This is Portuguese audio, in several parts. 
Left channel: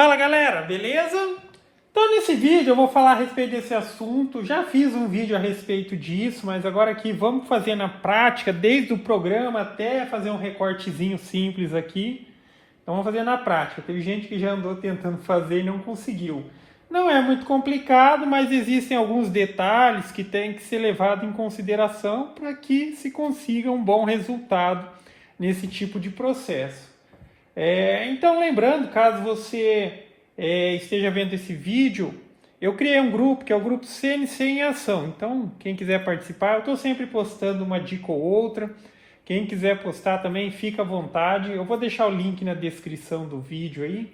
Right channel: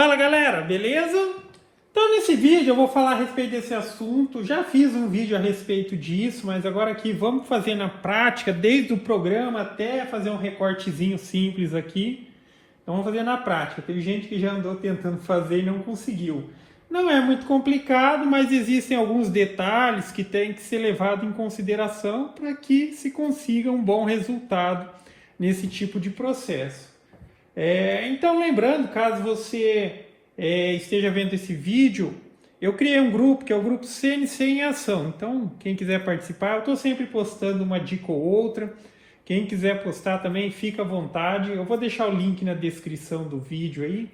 Fala galera, beleza? Então nesse vídeo eu vou falar a respeito desse assunto. Já fiz um vídeo a respeito disso, mas agora aqui vamos fazer na prática, desde o programa até fazer um recortezinho simples aqui. Então vamos fazer na prática. Teve gente que já andou tentando fazer e não conseguiu. Não é muito complicado, mas existem alguns detalhes que têm que ser levados em consideração para que se consiga um bom resultado nesse tipo de processo. Então, lembrando, caso você esteja vendo esse vídeo, eu criei um grupo, que é o grupo CNC em Ação. Então, quem quiser participar, eu estou sempre postando uma dica ou outra. Quem quiser postar também, fica à vontade. Eu vou deixar o link na descrição do vídeo aí,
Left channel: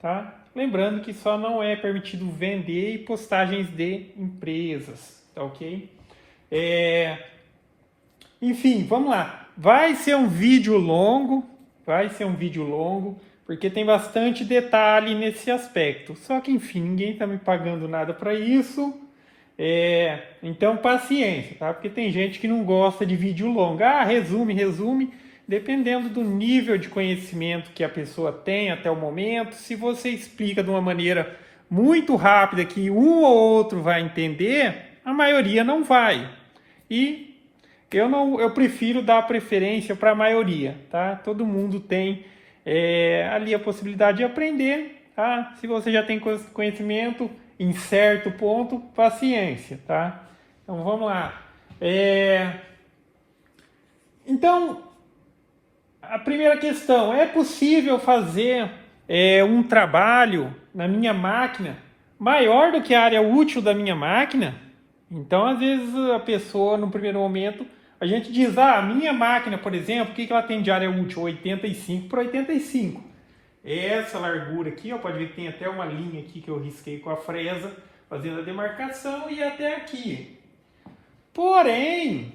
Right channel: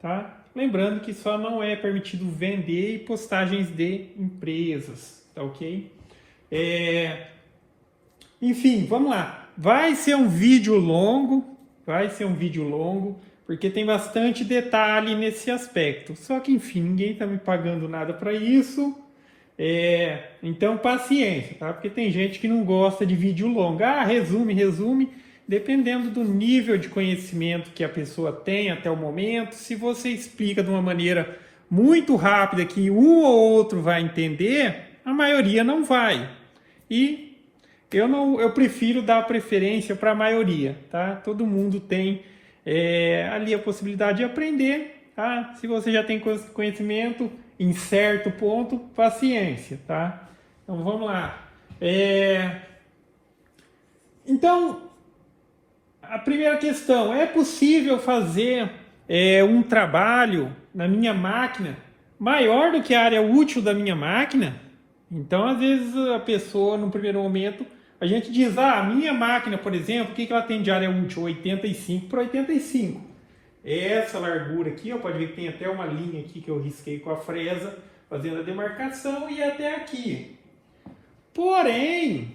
tá? Lembrando que só não é permitido vender postagens de empresas, tá ok? Enfim, vamos lá. Vai ser um vídeo longo, porque tem bastante detalhe nesse aspecto. Só que, enfim, ninguém está me pagando nada para isso. Então, paciência, tá? Porque tem gente que não gosta de vídeo longo. Resume. Dependendo do nível de conhecimento que a pessoa tem até o momento, se você explica de uma maneira muito rápida que um ou outro vai entender, a maioria não vai. E eu prefiro dar preferência para a maioria, tá? Todo mundo tem ali a possibilidade de aprender, tá? Se você já tem conhecimento em certo ponto, paciência, tá? Então vamos lá. Então, a primeira questão, é possível fazer um trabalho na minha máquina maior do que a área útil da minha máquina? Então, às vezes, a pessoa, no primeiro momento, a gente diz, a minha máquina, por exemplo, o que ela tem de área útil? 85 por 85. Essa largura aqui, pode ver que tem até uma linha aqui que eu risquei com a fresa, fazendo a demarcação, e até aqui. Porém,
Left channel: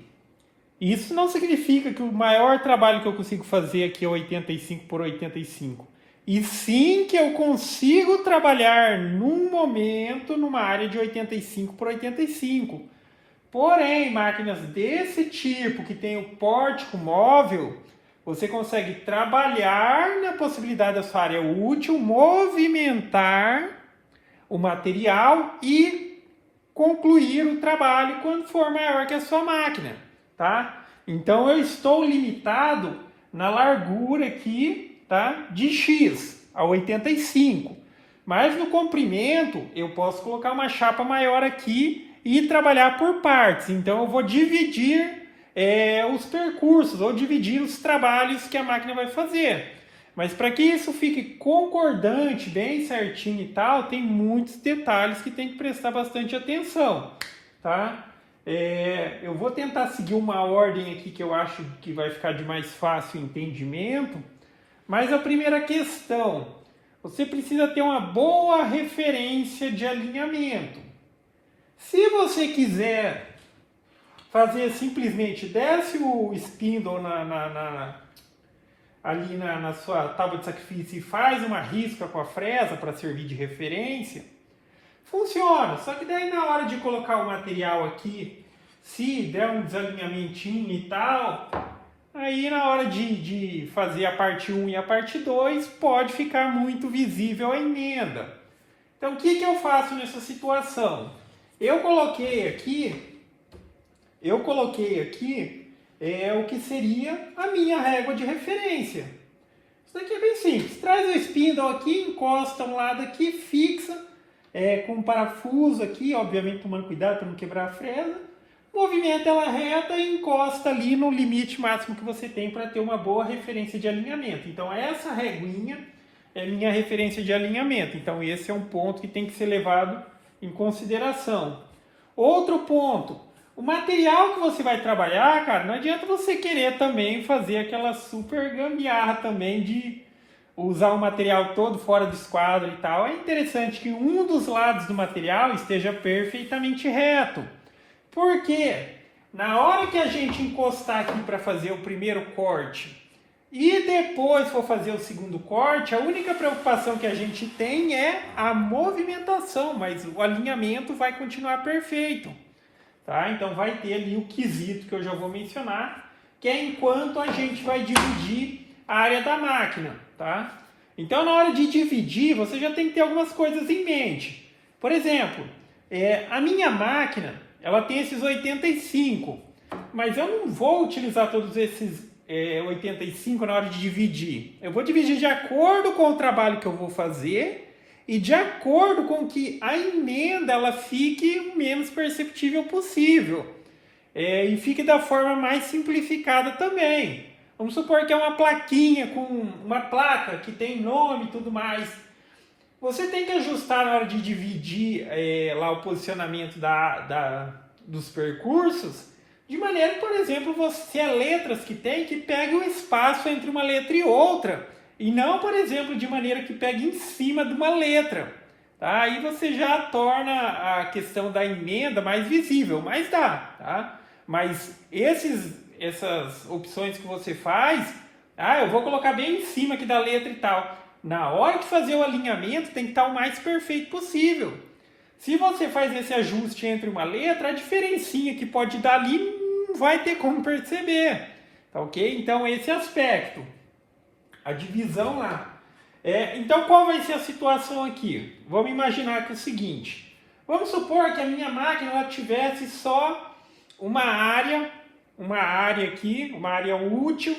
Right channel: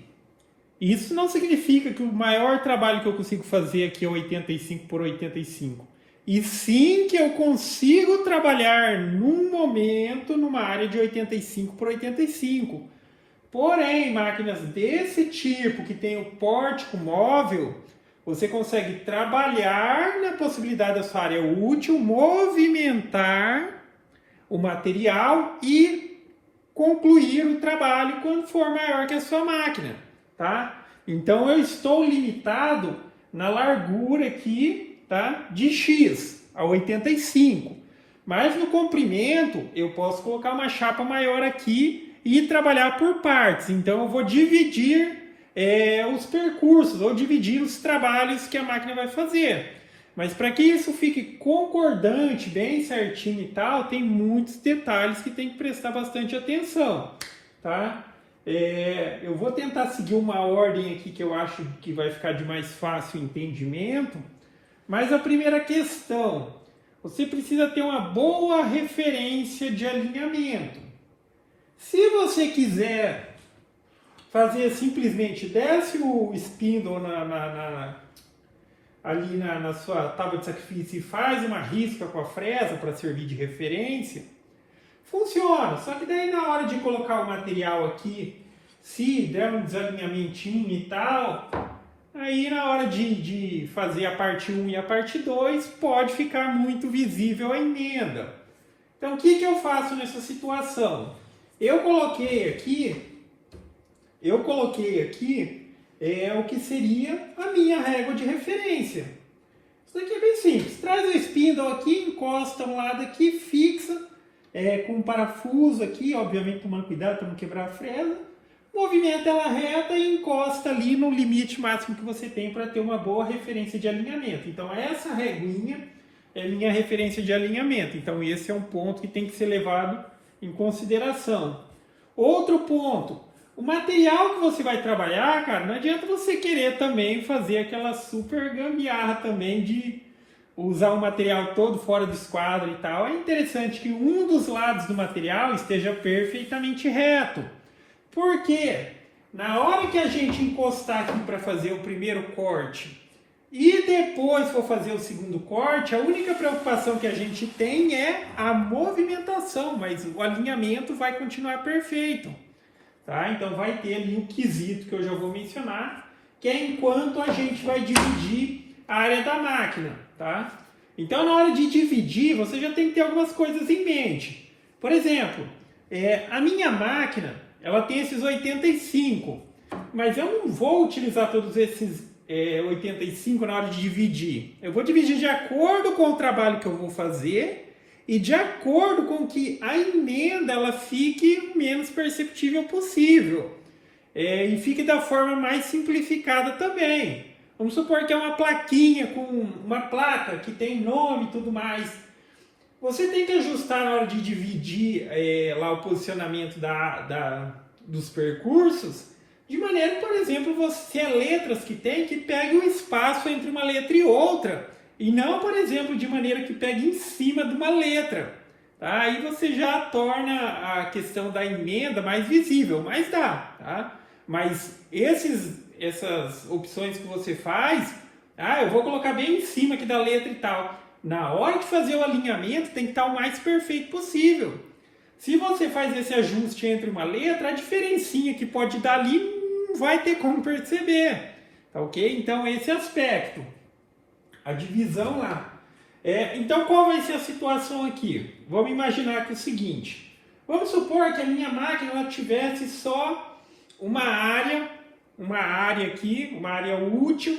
isso não significa que o maior trabalho que eu consigo fazer aqui é 85 por 85. E sim que eu consigo trabalhar num momento numa área de 85 por 85. Porém, máquinas desse tipo, que tem o pórtico móvel, você consegue trabalhar na possibilidade da sua área útil, movimentar o material e concluir o trabalho quando for maior que a sua máquina, tá? Então, eu estou limitado na largura aqui, tá? De X a 85. Mas no comprimento, eu posso colocar uma chapa maior aqui e trabalhar por partes. Então eu vou dividir os percursos, ou dividir os trabalhos que a máquina vai fazer. Mas para que isso fique concordante, bem certinho e tal, tem muitos detalhes que tem que prestar bastante atenção, tá? Eu vou tentar seguir uma ordem aqui que eu acho que vai ficar de mais fácil entendimento. Mas a primeira questão, você precisa ter uma boa referência de alinhamento. Se você quiser fazer simplesmente, desce o spindle ali na sua tábua de sacrifício e faz uma risca com a fresa para servir de referência, funciona. Só que daí na hora de colocar o material aqui, se der um desalinhamentinho e tal, aí na hora de fazer a parte 1 e a parte 2, pode ficar muito visível a emenda. Então o que eu faço nessa situação? Eu coloquei aqui o que seria a minha régua de referência. Isso daqui é bem simples. Traz o spindle aqui, encosta no lado aqui, fixa com um parafuso aqui, obviamente tomando cuidado para não quebrar a fresa. Movimenta ela reta e encosta ali no limite máximo que você tem para ter uma boa referência de alinhamento. Então essa reguinha é minha referência de alinhamento. Então esse é um ponto que tem que ser levado em consideração. Outro ponto, o material que você vai trabalhar, cara, não adianta você querer também fazer aquela super gambiarra também de usar o material todo fora do esquadro e tal. É interessante que um dos lados do material esteja perfeitamente reto. Por quê? Na hora que a gente encostar aqui para fazer o primeiro corte e depois for fazer o segundo corte, a única preocupação que a gente tem é a movimentação, mas o alinhamento vai continuar perfeito, tá? Então vai ter ali o quesito que eu já vou mencionar, que é enquanto a gente vai dividir a área da máquina, tá? Então, na hora de dividir, você já tem que ter algumas coisas em mente. Por exemplo, a minha máquina, ela tem esses 85, mas eu não vou utilizar todos esses 85 na hora de dividir. Eu vou dividir de acordo com o trabalho que eu vou fazer e de acordo com que a emenda ela fique o menos perceptível possível. E fique da forma mais simplificada também. Vamos supor que é uma plaquinha com uma placa que tem nome e tudo mais. Você tem que ajustar na hora de dividir lá o posicionamento dos percursos, de maneira, por exemplo, você letras que tem que pegue um espaço entre uma letra e outra, e não, por exemplo, de maneira que pegue em cima de uma letra. Tá? Aí você já torna a questão da emenda mais visível, mas dá. Tá? Mas essas opções que você faz, eu vou colocar bem em cima aqui da letra e tal. Na hora de fazer o alinhamento tem que estar o mais perfeito possível. Se você faz esse ajuste entre uma letra, a diferencinha que pode dar ali não vai ter como perceber. Tá ok? Então esse aspecto, a divisão lá. Então qual vai ser a situação aqui? Vamos imaginar que é o seguinte. Vamos supor que a minha máquina ela tivesse só uma área aqui, uma área útil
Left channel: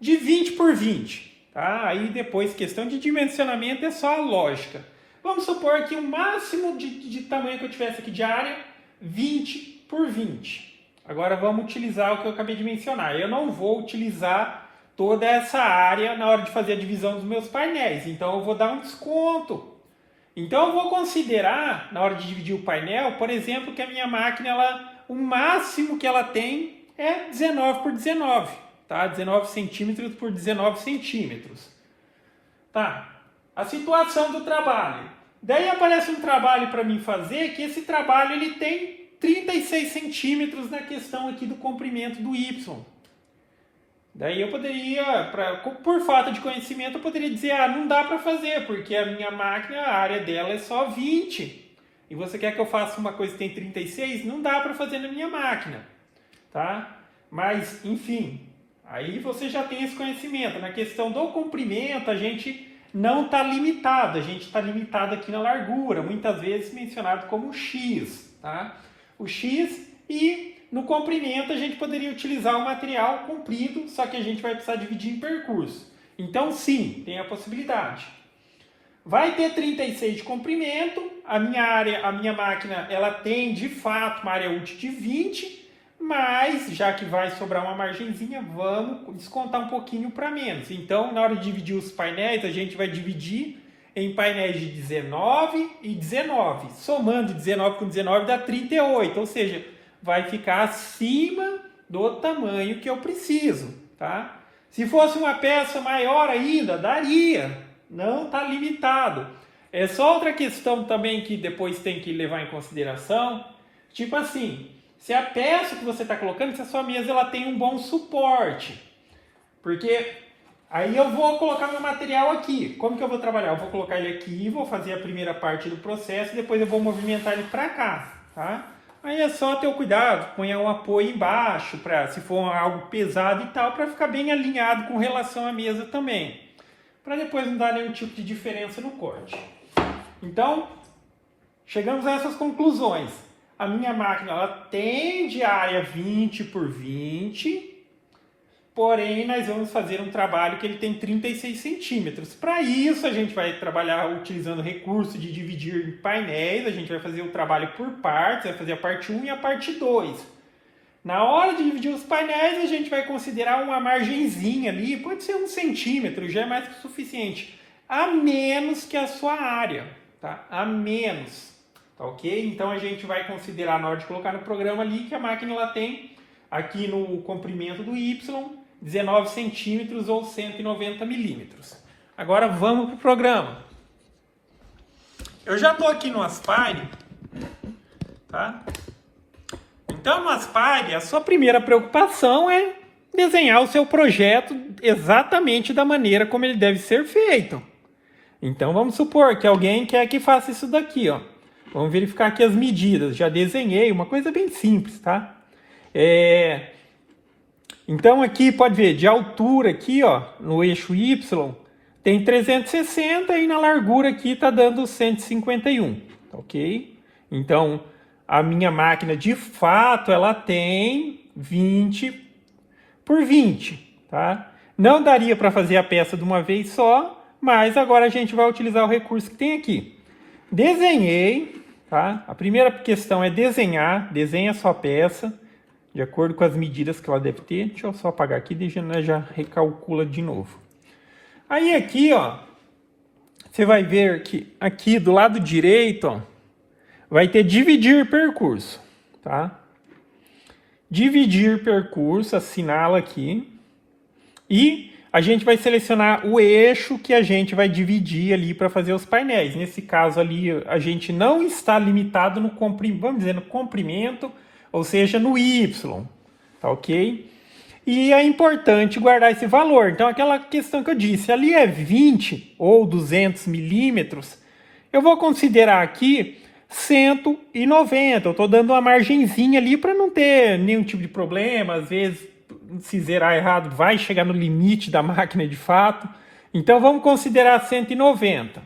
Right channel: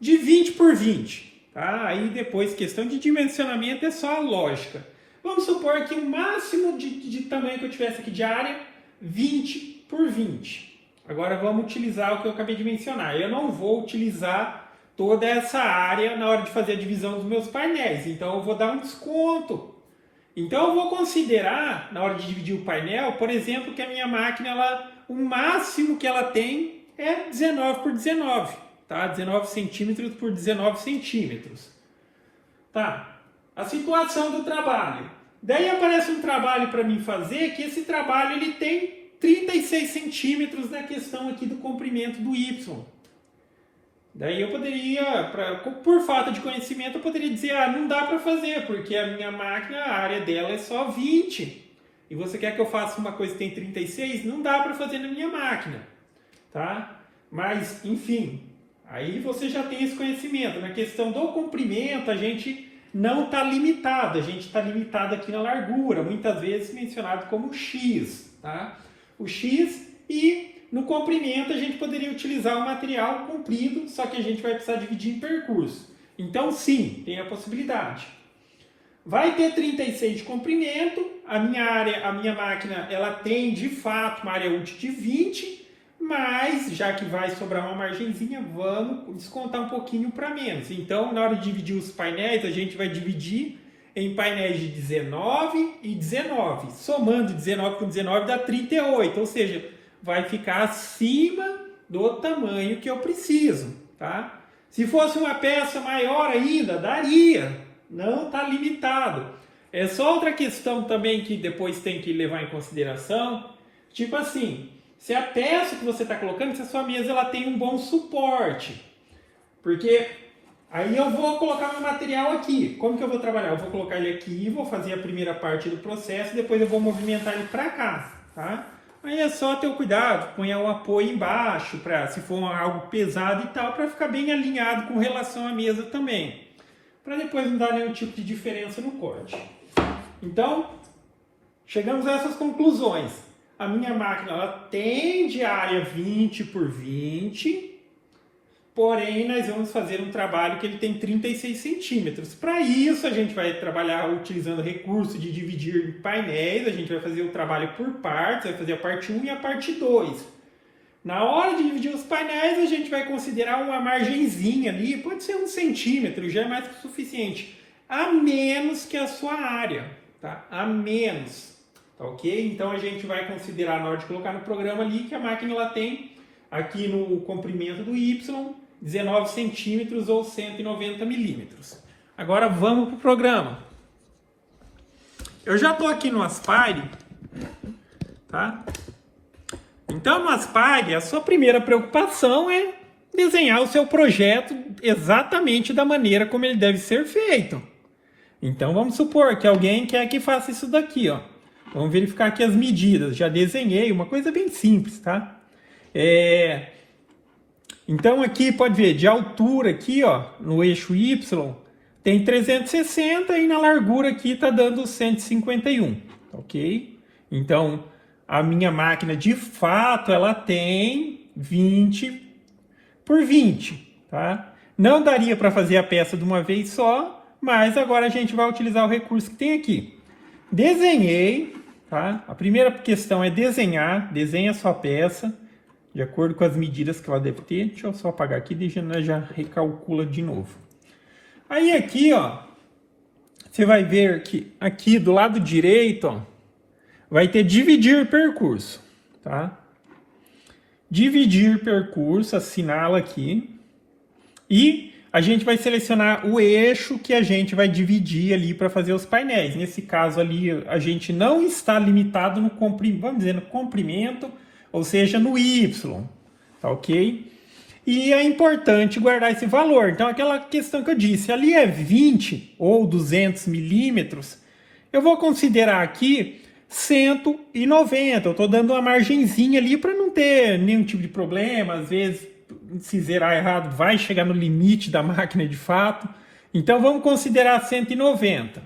de 20 por 20. Tá? Aí depois, questão de dimensionamento é só a lógica. Vamos supor que o máximo de tamanho que eu tivesse aqui de área, 20 por 20. Agora vamos utilizar o que eu acabei de mencionar. Eu não vou utilizar toda essa área na hora de fazer a divisão dos meus painéis. Então eu vou dar um desconto. Então eu vou considerar, na hora de dividir o painel, por exemplo, que a minha máquina, o máximo que ela tem é 19 por 19. Tá? 19 centímetros por 19 centímetros. Tá. A situação do trabalho. Daí aparece um trabalho para mim fazer, que esse trabalho ele tem 36 centímetros na questão aqui do comprimento do Y. Daí eu poderia, por falta de conhecimento, eu poderia dizer, não dá para fazer, porque a minha máquina, a área dela é só 20. E você quer que eu faça uma coisa que tem 36? Não dá para fazer na minha máquina. Tá? Mas, enfim, aí você já tem esse conhecimento. Na questão do comprimento, a gente não está limitado. A gente está limitado aqui na largura, muitas vezes mencionado como X. Tá? O X, e no comprimento a gente poderia utilizar o material comprido, só que a gente vai precisar dividir em percurso. Então, sim, tem a possibilidade. Vai ter 36 de comprimento, a minha máquina ela tem de fato uma área útil de 20, mas já que vai sobrar uma margenzinha, vamos descontar um pouquinho para menos. Então, na hora de dividir os painéis, a gente vai dividir em painéis de 19 e 19. Somando 19 com 19 dá 38, ou seja, vai ficar acima do tamanho que eu preciso. Tá? Se fosse uma peça maior ainda, daria. Não está limitado. É só outra questão também que depois tem que levar em consideração. Tipo assim, se a peça que você está colocando, se a sua mesa ela tem um bom suporte. Porque aí eu vou colocar meu material aqui. Como que eu vou trabalhar? Eu vou colocar ele aqui, vou fazer a primeira parte do processo e depois eu vou movimentar ele para cá. Tá? Aí é só ter o cuidado, ponha um apoio embaixo, se for algo pesado e tal, para ficar bem alinhado com relação à mesa também. Para depois não dar nenhum tipo de diferença no corte. Então, chegamos a essas conclusões. A minha máquina ela tem de área 20 por 20, porém nós vamos fazer um trabalho que ele tem 36 centímetros. Para isso a gente vai trabalhar utilizando o recurso de dividir em painéis, a gente vai fazer o trabalho por partes, vai fazer a parte 1 e a parte 2. Na hora de dividir os painéis, a gente vai considerar uma margenzinha ali, pode ser 1 centímetro, já é mais que o suficiente, a menos que a sua área, tá? A menos, tá ok? Então a gente vai considerar na hora de colocar no programa ali que a máquina ela tem aqui no comprimento do Y 19 centímetros ou 190 milímetros. Agora vamos para o programa. Eu já estou aqui no Aspire, tá? Então, no Aspire, a sua primeira preocupação é desenhar o seu projeto exatamente da maneira como ele deve ser feito. Então, vamos supor que alguém quer que faça isso daqui, ó. Vamos verificar aqui as medidas. Já desenhei, uma coisa bem simples, tá? Então, aqui, pode ver, de altura aqui, ó, no eixo Y, tem 360 e na largura aqui está dando 151, ok? Então, a minha máquina, de fato, ela tem 20 por 20, tá? Não daria para fazer a peça de uma vez só, mas agora a gente vai utilizar o recurso que tem aqui. Desenhei, tá? A primeira questão é desenhar, desenha a sua peça, de acordo com as medidas que ela deve ter. Deixa eu só apagar aqui, já recalcula de novo. Aí aqui, ó, você vai ver que aqui do lado direito, ó, vai ter dividir percurso, tá? Dividir percurso, assinala aqui. E a gente vai selecionar o eixo que a gente vai dividir ali para fazer os painéis. Nesse caso ali, a gente não está limitado no comprimento, vamos dizer, no comprimento, ou seja, no Y, tá ok? E é importante guardar esse valor. Então, aquela questão que eu disse, ali é 20 ou 200 milímetros, eu vou considerar aqui 190. Eu estou dando uma margenzinha ali para não ter nenhum tipo de problema. Às vezes, se zerar errado, vai chegar no limite da máquina de fato. Então, vamos considerar 190.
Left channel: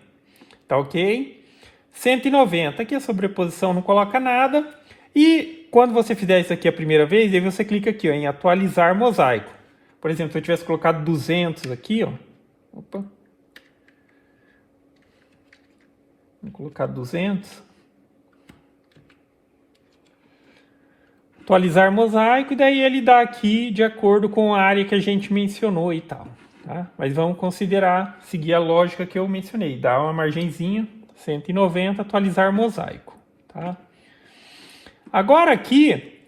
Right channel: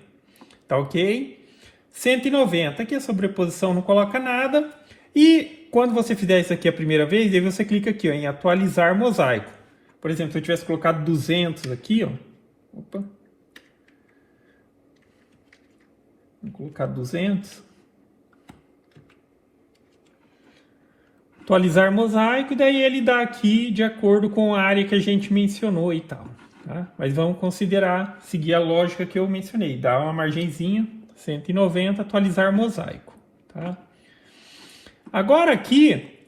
Tá ok? 190. Aqui a sobreposição não coloca nada. E quando você fizer isso aqui a primeira vez, aí você clica aqui, ó, em atualizar mosaico. Por exemplo, se eu tivesse colocado 200 aqui, ó. Opa. Vou colocar 200. Atualizar mosaico, e daí ele dá aqui de acordo com a área que a gente mencionou e tal. Tá? Mas vamos considerar, seguir a lógica que eu mencionei. Dá uma margenzinha, 190, atualizar mosaico. Tá? Agora aqui,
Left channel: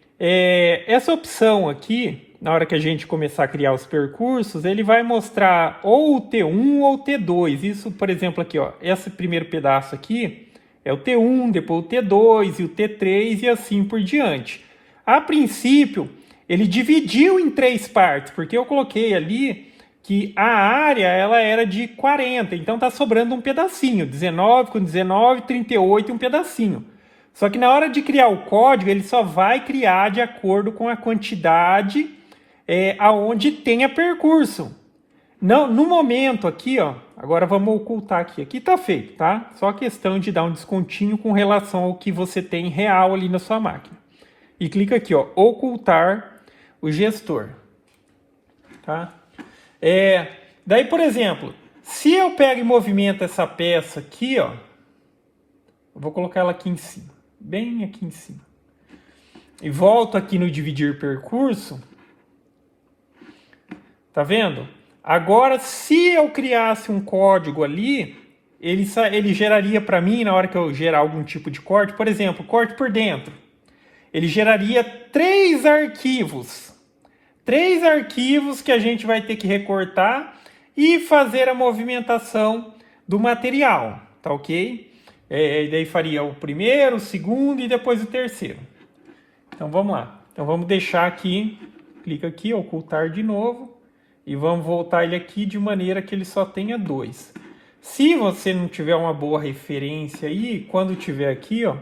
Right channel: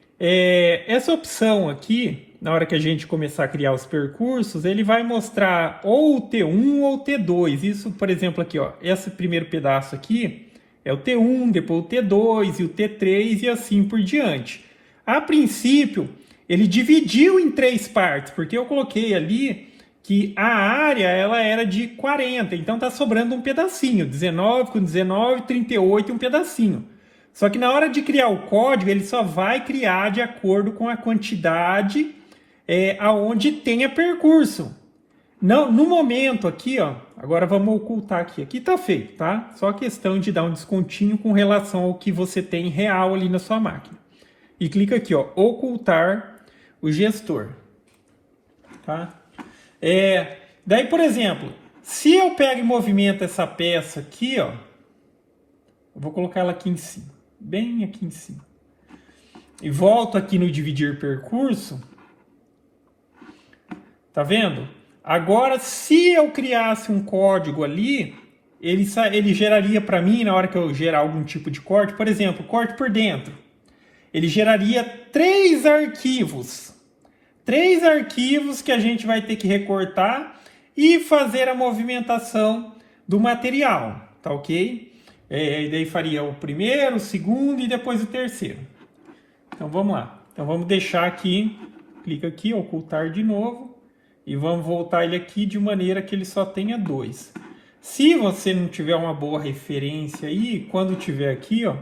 essa opção aqui, na hora que a gente começar a criar os percursos, ele vai mostrar ou o T1 ou o T2. Isso, por exemplo, aqui, ó, esse primeiro pedaço aqui é o T1, depois o T2 e o T3 e assim por diante. A princípio, ele dividiu em 3 partes, porque eu coloquei ali que a área ela era de 40, então está sobrando um pedacinho, 19 com 19, 38 e um pedacinho. Só que na hora de criar o código, ele só vai criar de acordo com a quantidade aonde tenha percurso. Não, no momento aqui, ó, agora vamos ocultar aqui. Aqui está feito, tá? Só questão de dar um descontinho com relação ao que você tem real ali na sua máquina. E clica aqui, ó, ocultar o gestor. Tá? Daí, por exemplo, se eu pego e movimento essa peça aqui, ó, eu vou colocar ela aqui em cima, bem aqui em cima. E volto aqui no dividir percurso. Tá vendo? Agora, se eu criasse um código ali, ele geraria para mim, na hora que eu gerar algum tipo de corte, por exemplo, corte por dentro. Ele geraria 3 arquivos. 3 arquivos que a gente vai ter que recortar e fazer a movimentação do material. Tá ok? Daí faria o primeiro, o segundo e depois o terceiro. Então vamos lá. Então vamos deixar aqui, clica aqui, ocultar de novo. E vamos voltar ele aqui de maneira que ele só tenha 2. Se você não tiver uma boa referência aí, quando tiver aqui, ó,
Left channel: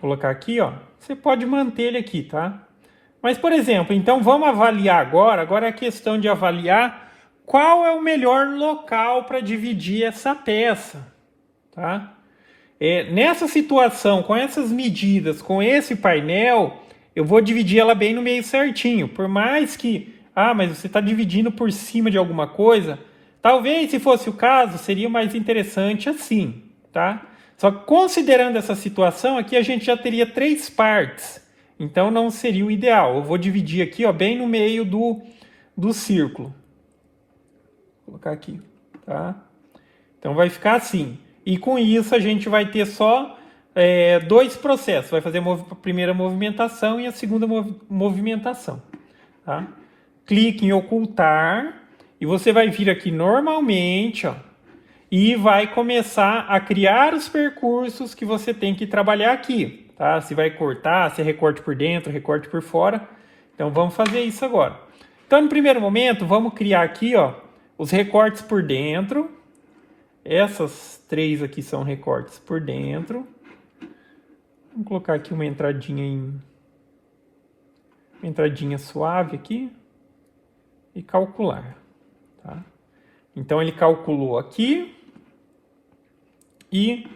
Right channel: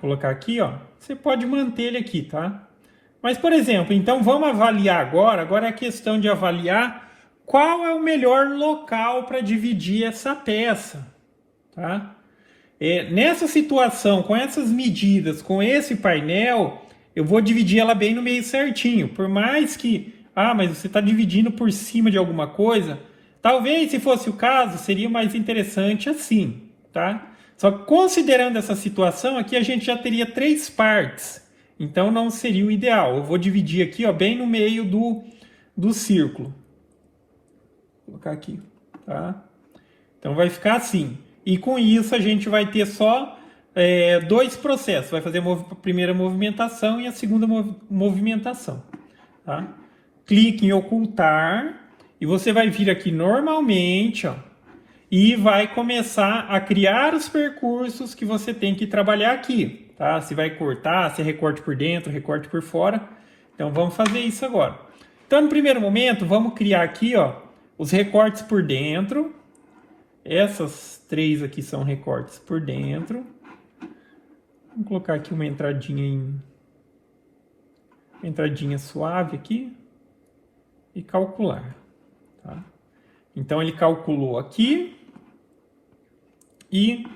colocar aqui, ó, você pode manter ele aqui, tá? Mas, por exemplo, então vamos avaliar agora é a questão de avaliar qual é o melhor local para dividir essa peça, tá? Nessa situação, com essas medidas, com esse painel, eu vou dividir ela bem no meio certinho. Por mais que, mas você está dividindo por cima de alguma coisa, talvez, se fosse o caso, seria mais interessante assim, tá? Só que considerando essa situação, aqui a gente já teria 3 partes. Então não seria o ideal. Eu vou dividir aqui, ó, bem no meio do círculo. Vou colocar aqui, tá? Então vai ficar assim. E com isso a gente vai ter só 2 processos. Vai fazer a primeira movimentação e a segunda movimentação. Tá? Clique em ocultar e você vai vir aqui normalmente, ó, e vai começar a criar os percursos que você tem que trabalhar aqui. Tá? Se vai cortar, se é recorte por dentro, recorte por fora. Então vamos fazer isso agora. Então no primeiro momento vamos criar aqui, ó, os recortes por dentro. Essas 3 aqui são recortes por dentro. Vamos colocar aqui uma entradinha suave aqui. e calcular. Tá? Então ele calculou aqui e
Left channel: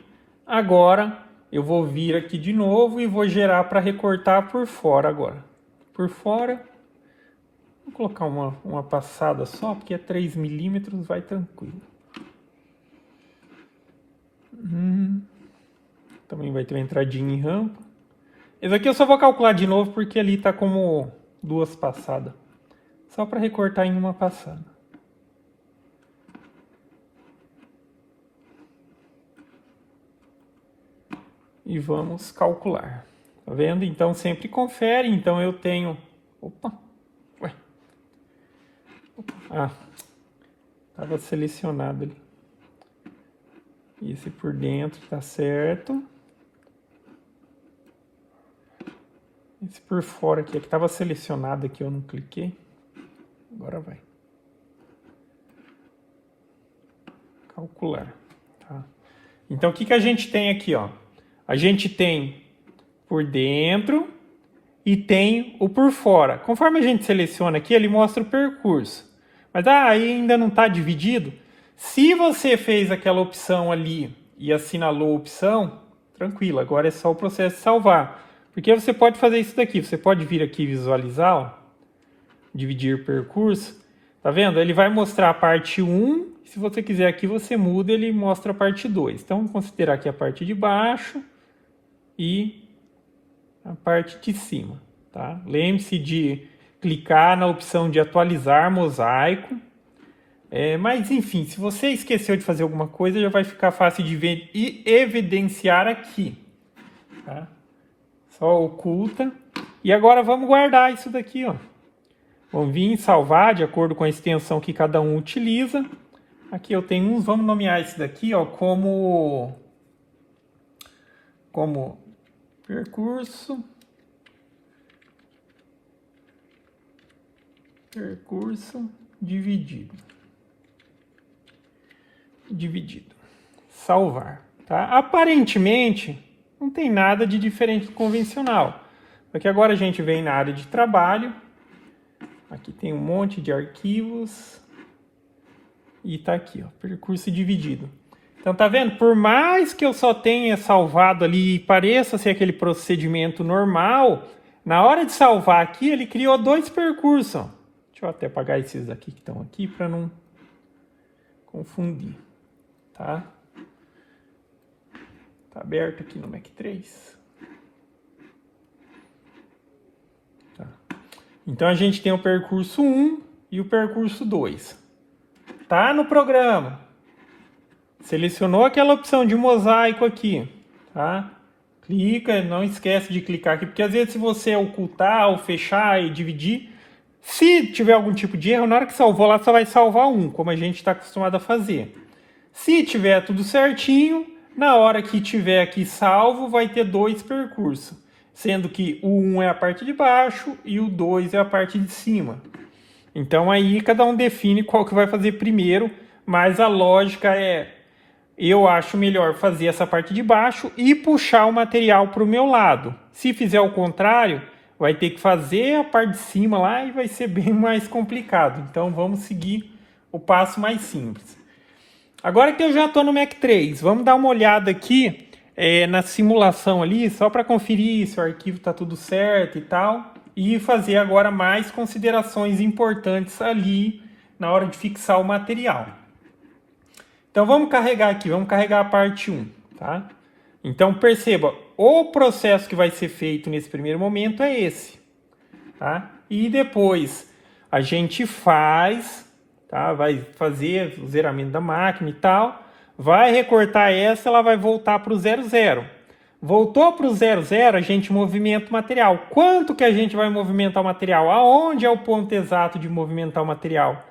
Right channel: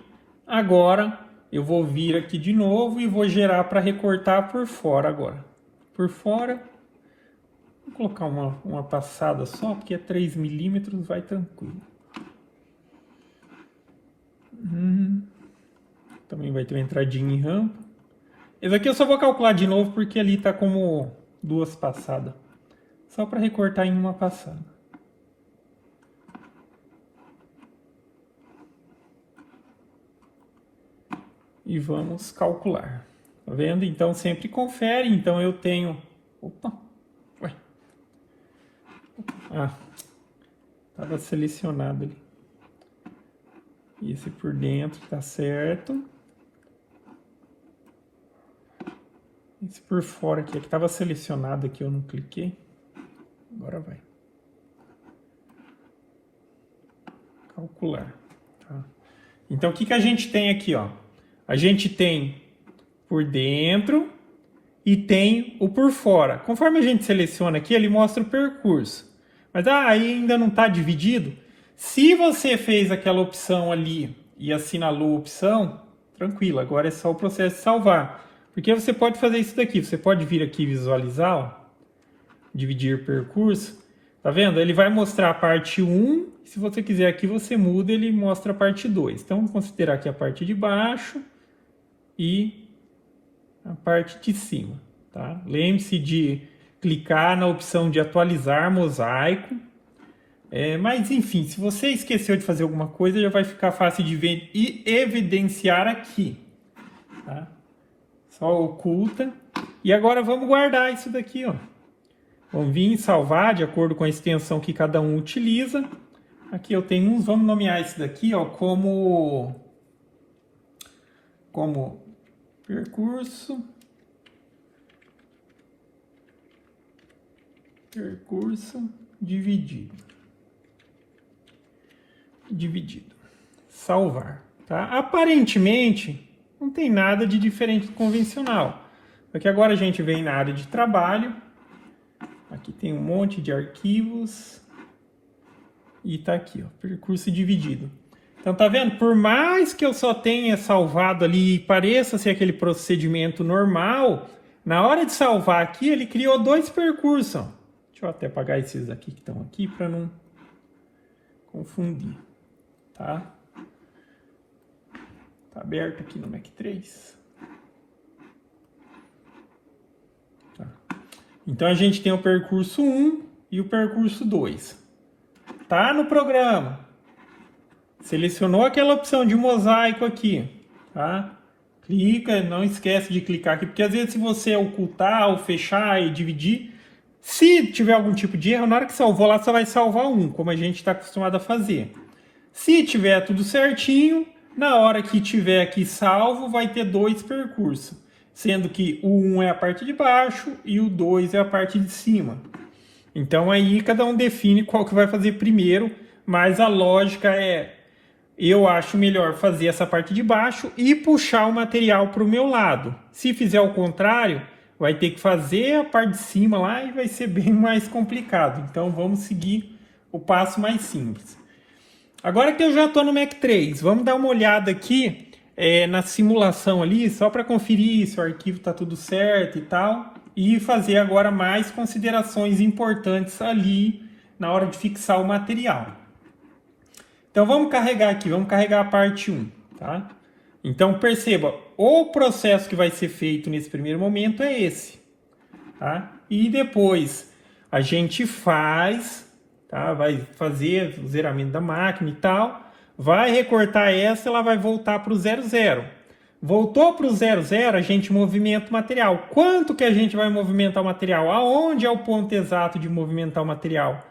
agora eu vou vir aqui de novo e vou gerar para recortar por fora agora. Por fora, vou colocar uma passada só, porque é 3 milímetros, vai tranquilo. Também vai ter uma entradinha em rampa. Esse aqui eu só vou calcular de novo porque ali está como 2 passadas. Só para recortar em uma passada. E vamos calcular. Tá vendo? Então sempre confere. Então eu tenho... Opa! Ué. Ah, estava selecionado ali. Esse por dentro tá certo. Esse por fora aqui, é que estava selecionado aqui, eu não cliquei. Agora vai. Calcular. Tá? Então o que a gente tem aqui, ó? A gente tem por dentro e tem o por fora. Conforme a gente seleciona aqui, ele mostra o percurso. Mas aí ainda não está dividido. Se você fez aquela opção ali e assinalou a opção, tranquilo, agora é só o processo de salvar. Porque você pode fazer isso daqui, você pode vir aqui visualizar, ó, dividir percurso, tá vendo? Ele vai mostrar a parte 1, se você quiser aqui você muda, ele mostra a parte 2. Então vamos considerar aqui a parte de baixo e a parte de cima, tá? Lembre-se de clicar na opção de atualizar mosaico. Mas enfim, se você esqueceu de fazer alguma coisa, já vai ficar fácil de ver e evidenciar aqui. Tá? Só oculta. E agora vamos guardar isso daqui, ó. Vamos vir em salvar de acordo com a extensão que cada um utiliza. Aqui eu tenho uns, vamos nomear esse daqui, ó, como percurso dividido. Salvar, tá? Aparentemente não tem nada de diferente do convencional. Aqui agora a gente vem na área de trabalho. Aqui tem um monte de arquivos e tá aqui, ó, percurso dividido. Então tá vendo? Por mais que eu só tenha salvado ali e pareça ser aquele procedimento normal, na hora de salvar aqui ele criou 2 percursos. Ó. Deixa eu até apagar esses aqui que estão aqui para não confundir. Tá? Tá aberto aqui no Mac 3. Tá. Então a gente tem o percurso 1 e o percurso 2. Tá no programa. Selecionou aquela opção de mosaico aqui, tá? Clica, não esquece de clicar aqui, porque às vezes se você ocultar ou fechar e dividir, se tiver algum tipo de erro, na hora que salvou lá só vai salvar um, como a gente está acostumado a fazer. Se tiver tudo certinho, na hora que tiver aqui salvo, vai ter 2 percursos. Sendo que o 1 é a parte de baixo e o 2 é a parte de cima. Então aí cada um define qual que vai fazer primeiro, mas a lógica é, eu acho melhor fazer essa parte de baixo e puxar o material para o meu lado. Se fizer o contrário, vai ter que fazer a parte de cima lá e vai ser bem mais complicado. Então vamos seguir o passo mais simples. Agora que eu já estou no Mac 3, vamos dar uma olhada aqui na simulação ali, só para conferir se o arquivo está tudo certo e tal. E fazer agora mais considerações importantes ali na hora de fixar o material. Então vamos carregar aqui, vamos carregar a parte 1. Tá? Então perceba, o processo que vai ser feito nesse primeiro momento é esse. Tá? E depois a gente faz... Tá? Vai fazer o zeramento da máquina e tal, vai recortar ela vai voltar para o 00. Voltou para o 00, a gente movimenta o material. Quanto que a gente vai movimentar o material? Aonde é o ponto exato de movimentar o material?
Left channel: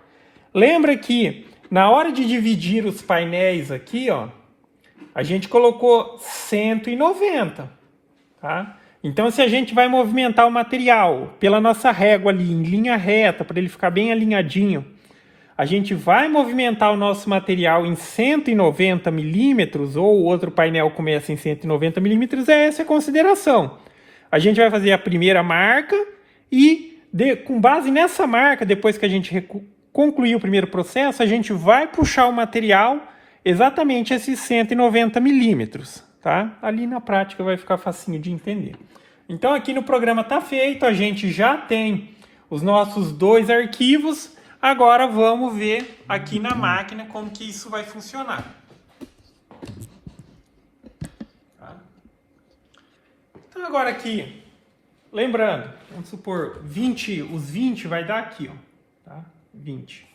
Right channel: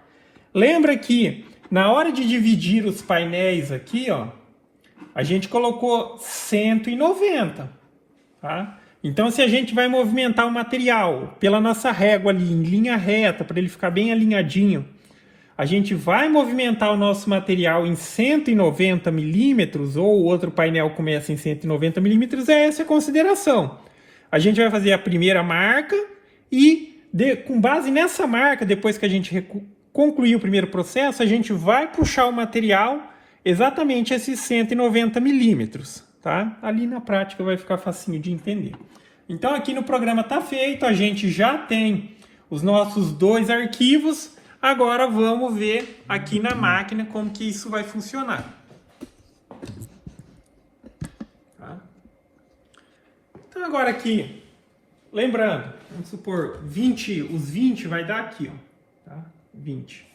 Lembra que na hora de dividir os painéis aqui, ó, a gente colocou 190. Tá? Então se a gente vai movimentar o material pela nossa régua ali, em linha reta, para ele ficar bem alinhadinho, a gente vai movimentar o nosso material em 190 milímetros, ou o outro painel começa em 190 milímetros, essa é a consideração. A gente vai fazer a primeira marca e com base nessa marca, depois que a gente concluir o primeiro processo, a gente vai puxar o material exatamente esses 190 milímetros, tá? Ali na prática vai ficar facinho de entender. Então aqui no programa está feito, a gente já tem os nossos 2 arquivos. Agora vamos ver aqui na máquina como que isso vai funcionar. Tá? Então agora aqui, lembrando, vamos supor, os 20 vai dar aqui, ó, tá? 20,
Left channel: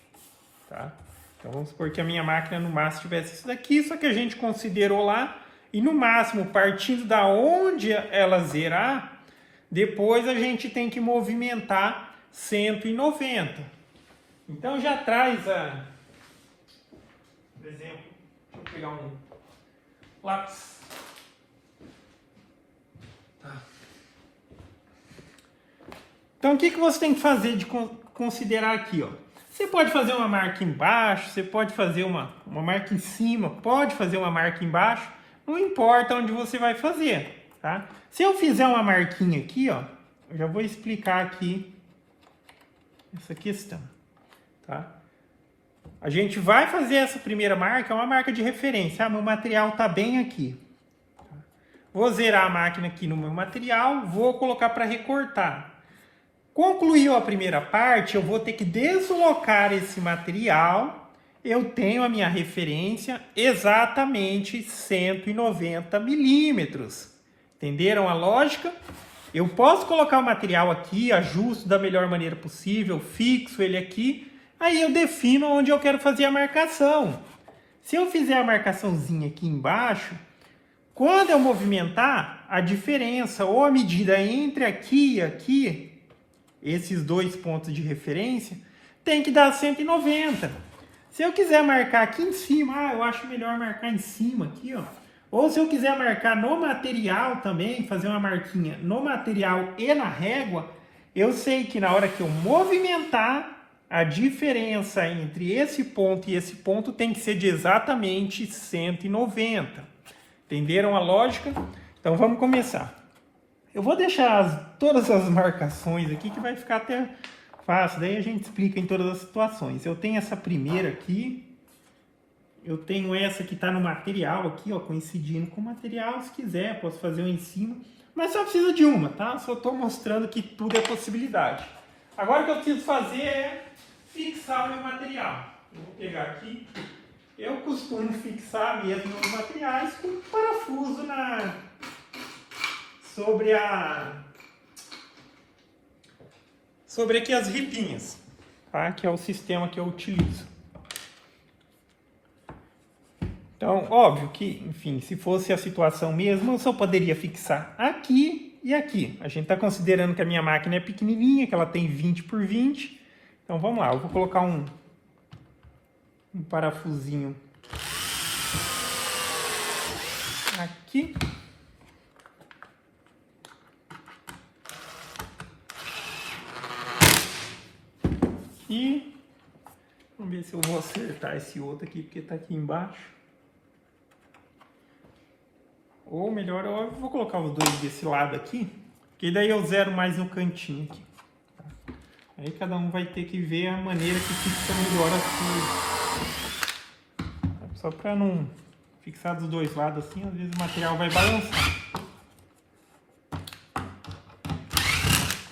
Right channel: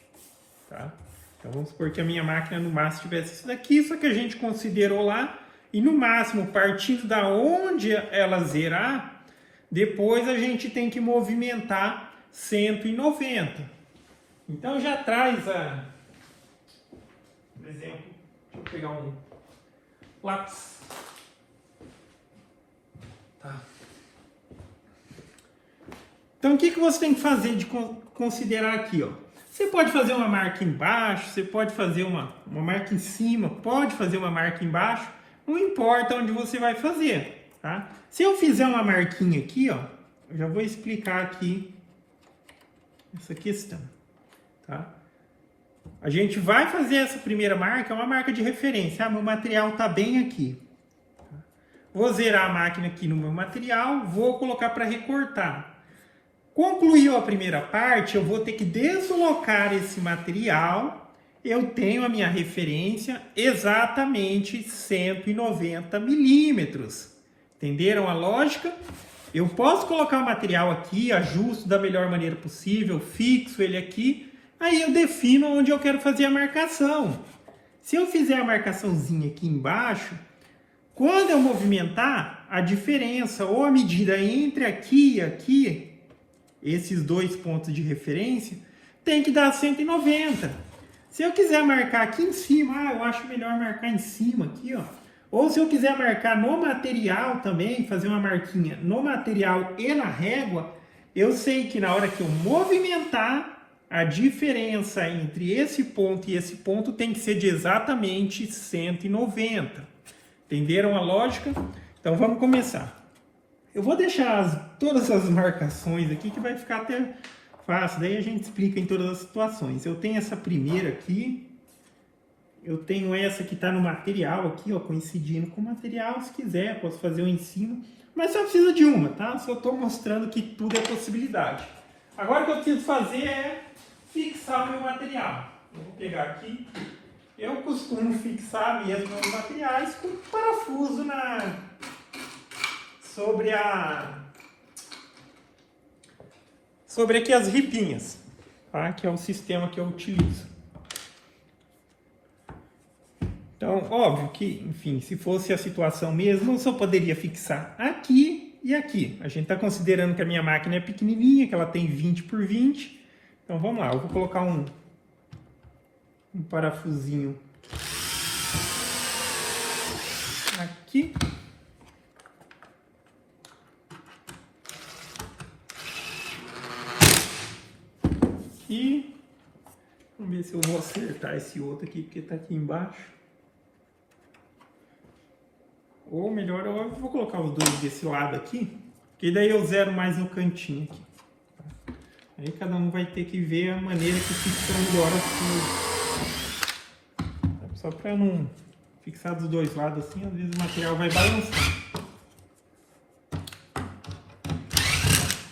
tá? Então vamos supor que a minha máquina no máximo tivesse isso daqui, só que a gente considerou lá, e no máximo, partindo da onde ela zerar, depois a gente tem que movimentar 190. Então já traz por exemplo, deixa eu pegar um lápis. Tá. Então o que você tem que fazer de considerar aqui, ó? Você pode fazer uma marca embaixo, você pode fazer uma marca em cima, pode fazer uma marca embaixo, não importa onde você vai fazer, tá? Se eu fizer uma marquinha aqui, ó, eu já vou explicar aqui essa questão. Tá? A gente vai fazer essa primeira marca, é uma marca de referência. Ah, meu material está bem aqui. Vou zerar a máquina aqui no meu material, vou colocar para recortar. Concluiu a primeira parte, eu vou ter que deslocar esse material. Eu tenho a minha referência exatamente 190 milímetros. Entenderam a lógica? Eu posso colocar o material aqui, ajusto da melhor maneira possível, fixo ele aqui. Aí eu defino onde eu quero fazer a marcação. Se eu fizer a marcaçãozinha aqui embaixo, quando eu movimentar, a diferença ou a medida entre aqui e aqui, esses 2 pontos de referência, tem que dar 190. Se eu quiser marcar aqui em cima, eu acho melhor marcar em cima aqui, ó. Ou se eu quiser marcar no material também, fazer uma marquinha no material e na régua, eu sei que na hora que eu movimentar, a diferença entre esse ponto e esse ponto tem que ser de exatamente 190. Entenderam a lógica? Então vamos começar. Eu vou deixar todas as marcações aqui que vai ficar até fácil. Daí a gente explica em todas as situações. Eu tenho essa primeira aqui. Eu tenho essa que está no material aqui, ó, coincidindo com o material. Se quiser, posso fazer um em cima. Mas só precisa de uma, tá? Só estou mostrando que tudo é possibilidade. Agora o que eu preciso fazer é fixar o meu material. Vou pegar aqui. Eu costumo fixar mesmo os materiais com parafuso sobre aqui as ripinhas, tá? Que é o sistema que eu utilizo. Então, óbvio que, enfim, se fosse a situação mesmo, eu só poderia fixar aqui e aqui. A gente está considerando que a minha máquina é pequenininha, que ela tem 20 por 20. Então vamos lá, eu vou colocar um parafusinho aqui. E vamos ver se eu vou acertar esse outro aqui, porque está aqui embaixo. Ou melhor, eu vou colocar os 2 desse lado aqui, que daí eu zero mais no cantinho aqui. Aí cada um vai ter que ver a maneira que fixa melhor as coisas. Só para não fixar dos 2 lados assim, às vezes o material vai balançar.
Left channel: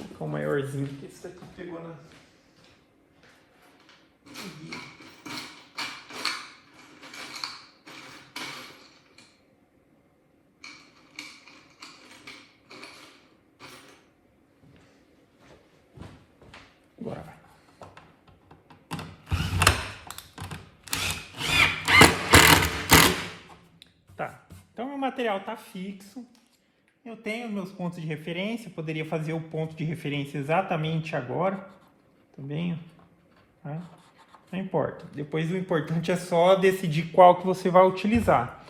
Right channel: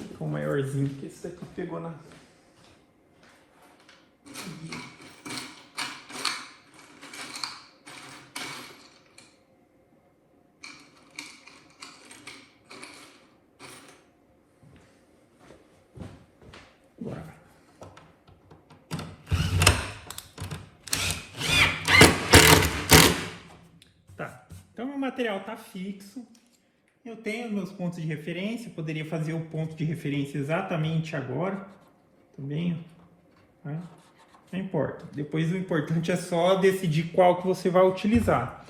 Ficou maiorzinho, porque esse aqui pegou na... Então, o material está fixo. Eu tenho meus pontos de referência. Poderia fazer o ponto de referência exatamente agora. Também. Né? Não importa. Depois o importante é só decidir qual que você vai utilizar.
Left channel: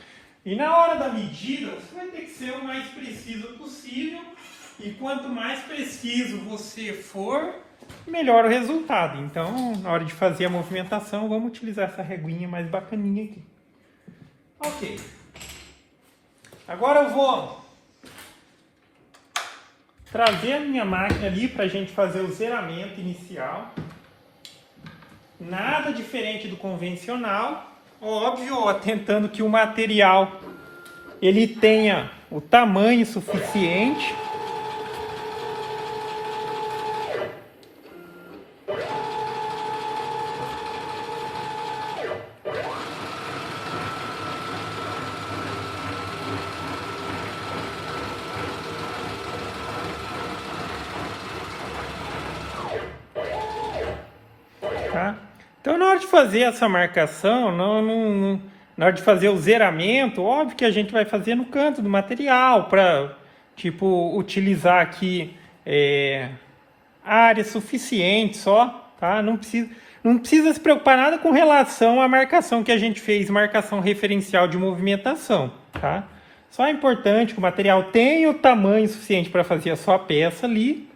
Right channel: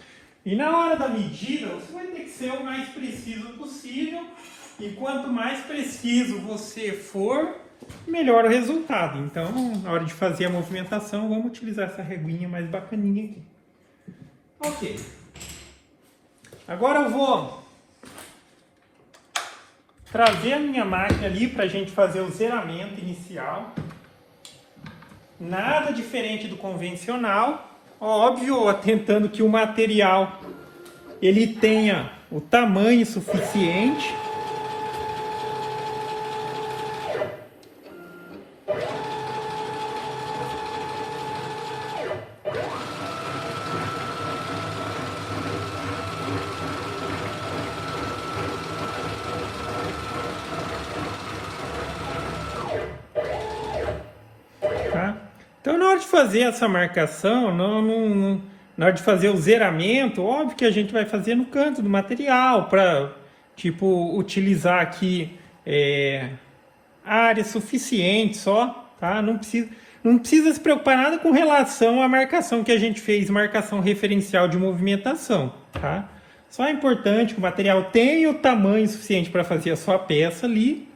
E na hora da medida, você vai ter que ser o mais preciso possível. E quanto mais preciso você for, melhor o resultado. Então, na hora de fazer a movimentação, vamos utilizar essa reguinha mais bacaninha aqui. Ok. Agora eu vou trazer a minha máquina ali para a gente fazer o zeramento inicial. Nada diferente do convencional. Óbvio, atentando que o material ele tenha o tamanho suficiente. Então, na hora de fazer essa marcação, na hora de fazer o zeramento, óbvio que a gente vai fazer no canto do material para, tipo, utilizar aqui área suficiente só, tá? Não precisa se preocupar nada com relação à marcação que a gente fez, marcação referencial de movimentação, tá? Só é importante que o material tenha o tamanho suficiente para fazer a sua peça ali,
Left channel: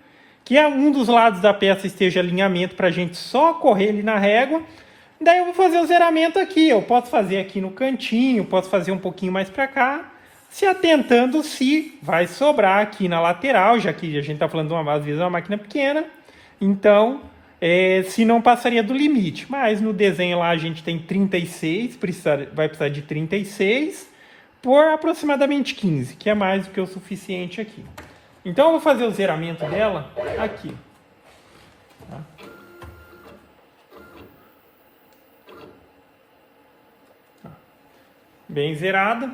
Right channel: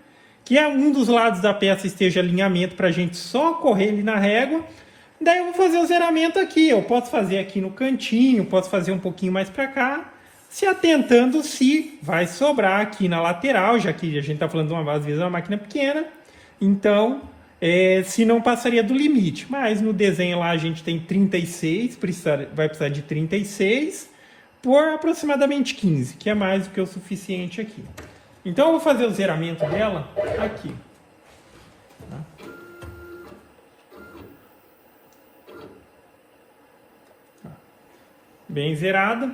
que um dos lados da peça esteja alinhamento para a gente só correr ali na régua. Daí eu vou fazer o zeramento aqui. Eu posso fazer aqui no cantinho, posso fazer um pouquinho mais para cá, se atentando se vai sobrar aqui na lateral, já que a gente está falando de às vezes uma máquina pequena, então se não passaria do limite. Mas no desenho lá a gente tem 36, vai precisar de 36 por aproximadamente 15, que é mais do que o suficiente aqui. Então eu vou fazer o zeramento dela aqui. Tá? Bem zerada.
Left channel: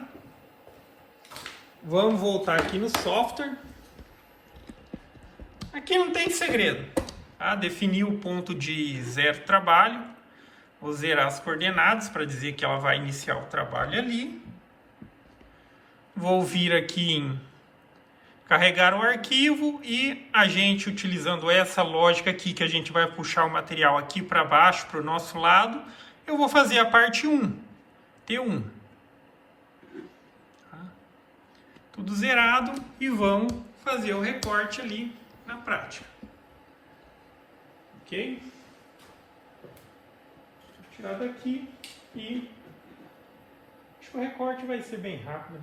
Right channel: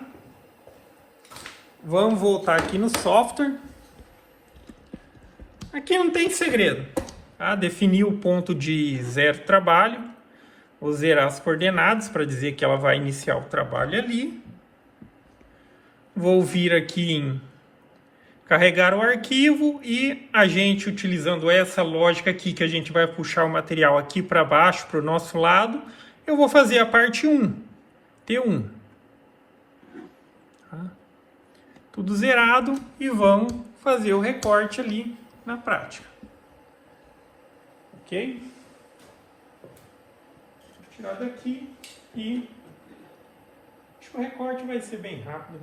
Vamos voltar aqui no software. Aqui não tem segredo. Tá? Definir o ponto de zero trabalho. Vou zerar as coordenadas para dizer que ela vai iniciar o trabalho ali. Vou vir aqui em carregar o arquivo e a gente, utilizando essa lógica aqui, que a gente vai puxar o material aqui para baixo, para o nosso lado, eu vou fazer a parte 1, T1. Tá? Tudo zerado e vamos fazer o recorte ali na prática. Ok? Vou tirar daqui e acho que o recorte vai ser bem rápido.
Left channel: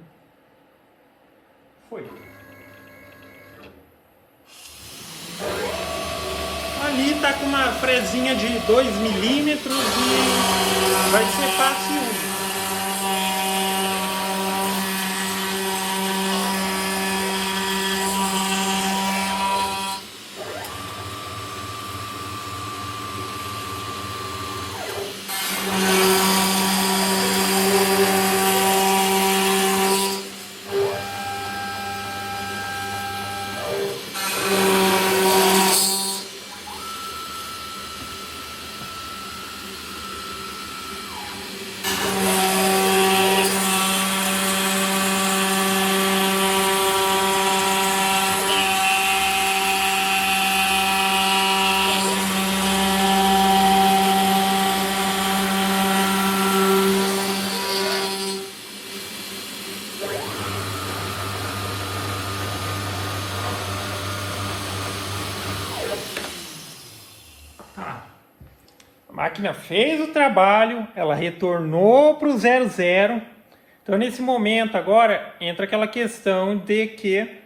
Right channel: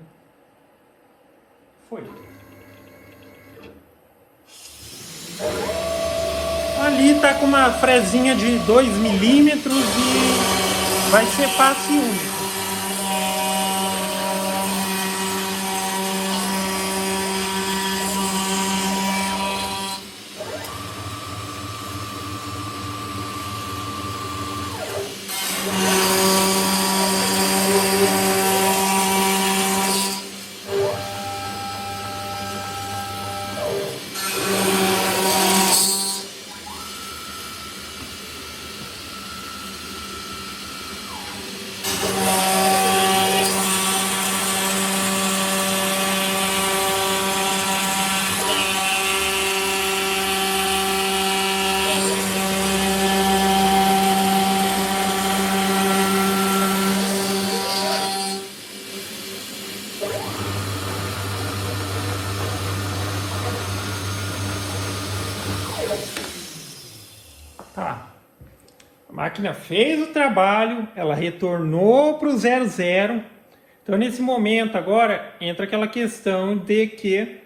Foi. Ali está com uma frezinha de 2 milímetros e vai ser fácil. Tá. A máquina fez o trabalho, ela retornou para o 00. Então, nesse momento agora, entra aquela questão de que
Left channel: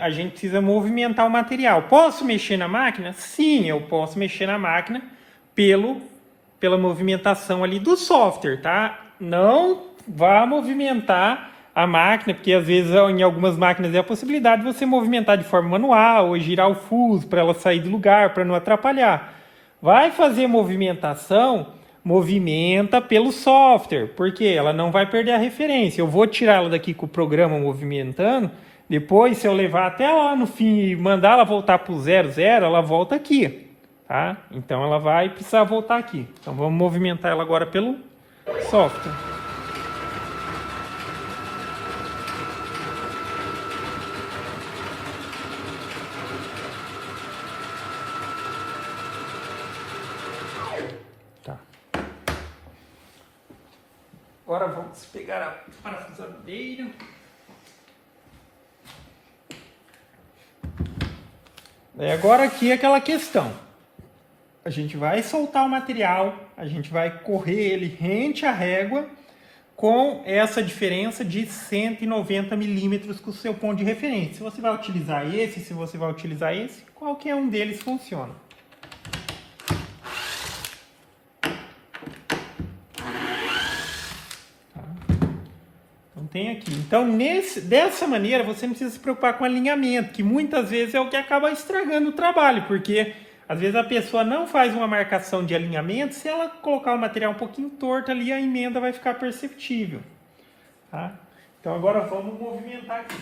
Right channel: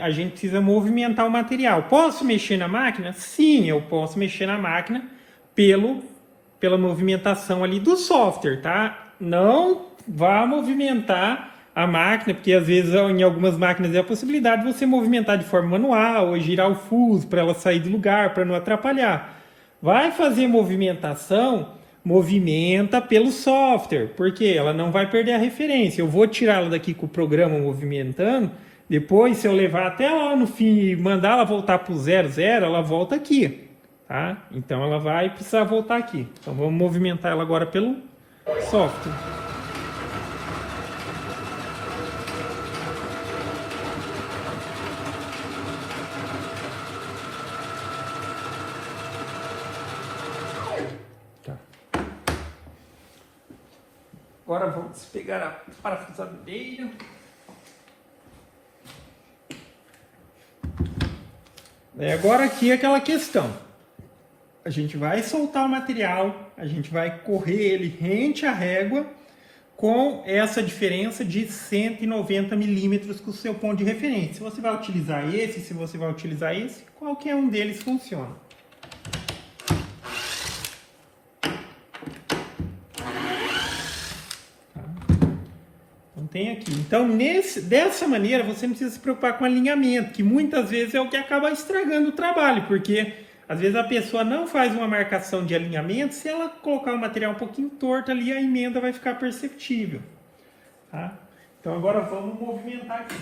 a gente precisa movimentar o material. Posso mexer na máquina? Sim, eu posso mexer na máquina pela movimentação ali do software, tá? Não vá movimentar a máquina, porque às vezes em algumas máquinas é a possibilidade de você movimentar de forma manual ou girar o fuso para ela sair de lugar, para não atrapalhar. Vai fazer movimentação, movimenta pelo software, porque ela não vai perder a referência. Eu vou tirar ela daqui com o programa movimentando, depois se eu levar até lá no fim e mandar ela voltar para o 00, ela volta aqui, tá? Então ela vai precisar voltar aqui. Então vamos movimentar ela agora pelo software. Agora vamos pegar a parafusadeira. Agora aqui é aquela questão. A gente vai soltar o material, a gente vai correr ele rente à régua com essa diferença de 190 milímetros com o seu ponto de referência. Se você vai utilizar esse, se você vai utilizar esse, qualquer um deles funciona. Então tem aqui. Então dessa maneira você não precisa se preocupar com alinhamento, que muitas vezes é o que acaba estragando o trabalho, porque às vezes a pessoa não faz uma marcação de alinhamento, se ela colocar o material um pouquinho torto ali, a emenda vai ficar perceptível. Tá? Então agora vamos movimentar aqui.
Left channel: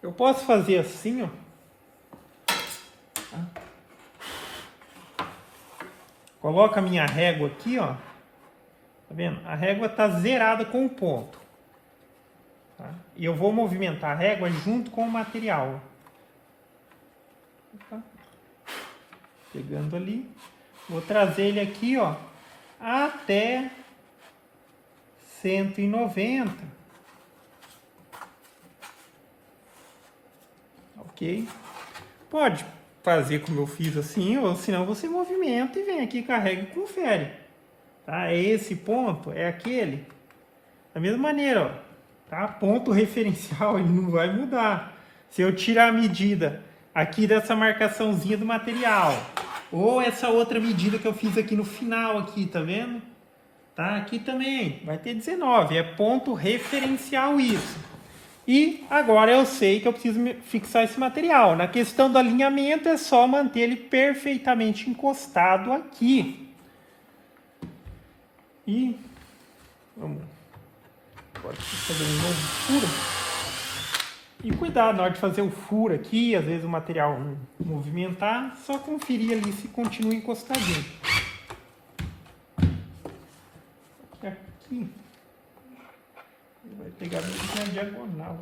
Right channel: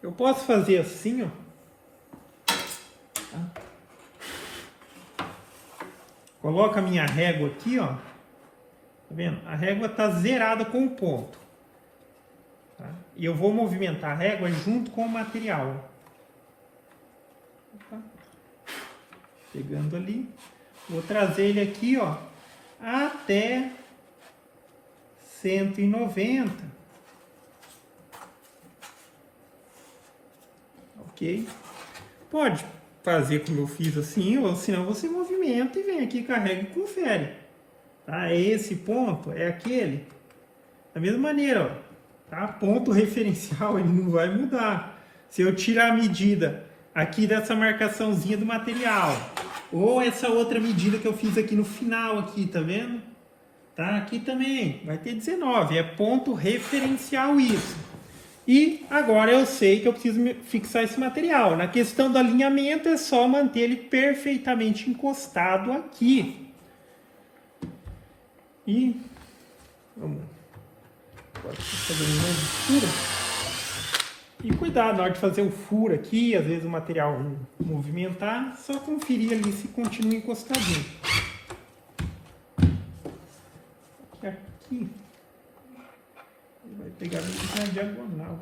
Eu posso fazer assim, ó. Tá? Coloco a minha régua aqui, ó. Tá vendo? A régua está zerada com o ponto. Tá? E eu vou movimentar a régua junto com o material. Tá? Pegando ali. Vou trazer ele aqui, ó, até 190. Ok? Pode fazer como eu fiz assim, ou senão você movimenta e vem aqui, carrega e confere. Tá? É esse ponto, é aquele. Da mesma maneira, ó, tá? Ponto referencial, ele não vai mudar. Se eu tirar a medida aqui dessa marcaçãozinha do material, ou essa outra medida que eu fiz aqui no final, aqui, tá vendo? Tá? Aqui também vai ter 19, é ponto referencial isso. E agora eu sei que eu preciso fixar esse material. Na questão do alinhamento é só manter ele perfeitamente encostado aqui. E vamos fazer um novo furo. E cuidado na hora de fazer um furo aqui, às vezes o material movimentar, só conferir ali se continua encostadinho. Aqui vai pegar na diagonal.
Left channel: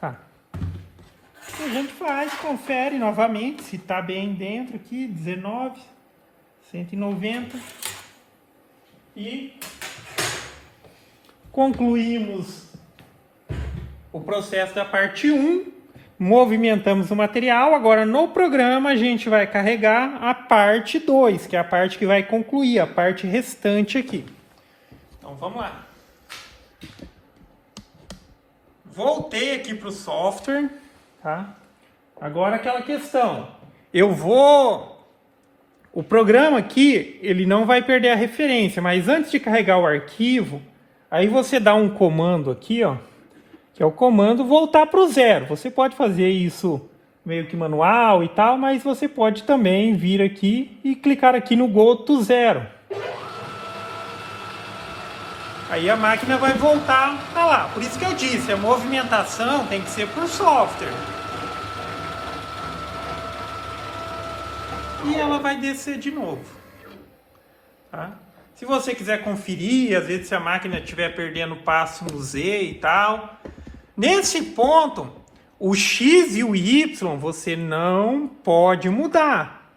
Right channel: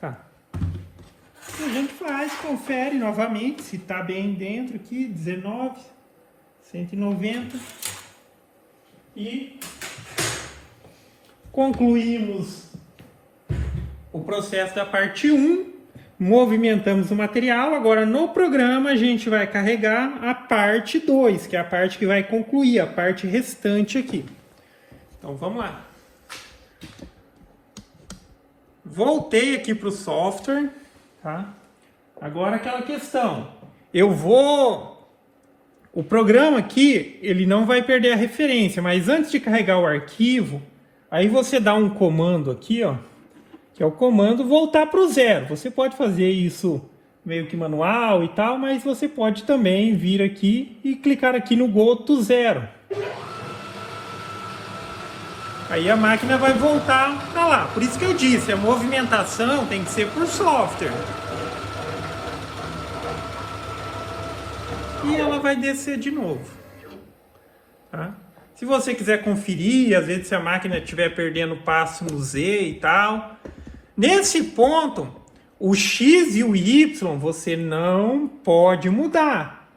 Tá. A gente faz, confere novamente se está bem dentro aqui, 19, 190. E concluímos o processo da parte 1, movimentamos o material. Agora no programa a gente vai carregar a parte 2, que é a parte que vai concluir, a parte restante aqui. Então vamos lá. Voltei aqui para o software, tá? Agora aquela questão, o programa aqui, ele não vai perder a referência, mas antes de carregar o arquivo, aí você dá um comando aqui, ó, que é o comando voltar para o zero. Você pode fazer isso meio que manual e tal, mas você pode também vir aqui e clicar aqui no Go to Zero. Aí a máquina vai voltar para lá. Por isso que eu disse, a movimentação tem que ser por software. E ela vai descer de novo. Tá? Se você quiser conferir, às vezes se a máquina estiver perdendo passo no Z e tal. Nesse ponto, o X e o Y você não pode mudar.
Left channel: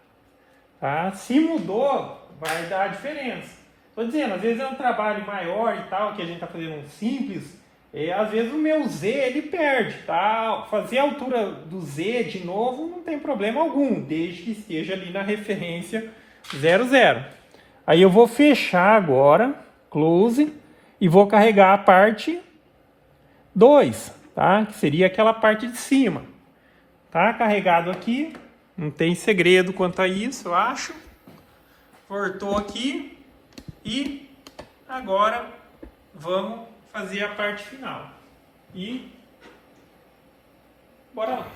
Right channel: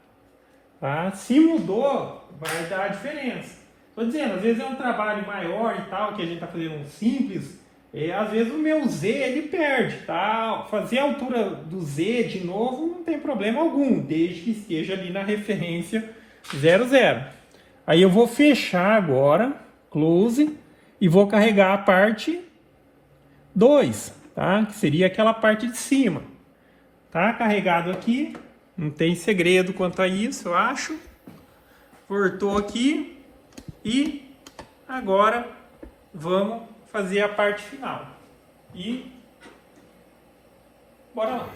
Tá? Se mudou, vai dar diferença. Estou dizendo, às vezes é um trabalho maior e tal, que a gente está fazendo um simples, às vezes o meu Z ele perde, tá? Fazer a altura do Z de novo não tem problema algum, desde que esteja ali na referência 00. Aí eu vou fechar agora, close, e vou carregar a parte 2, tá? Que seria aquela parte de cima. Tá carregado aqui, não tem segredo quanto a isso, eu acho. Cortou aqui. E agora vamos fazer a parte final. E bora lá.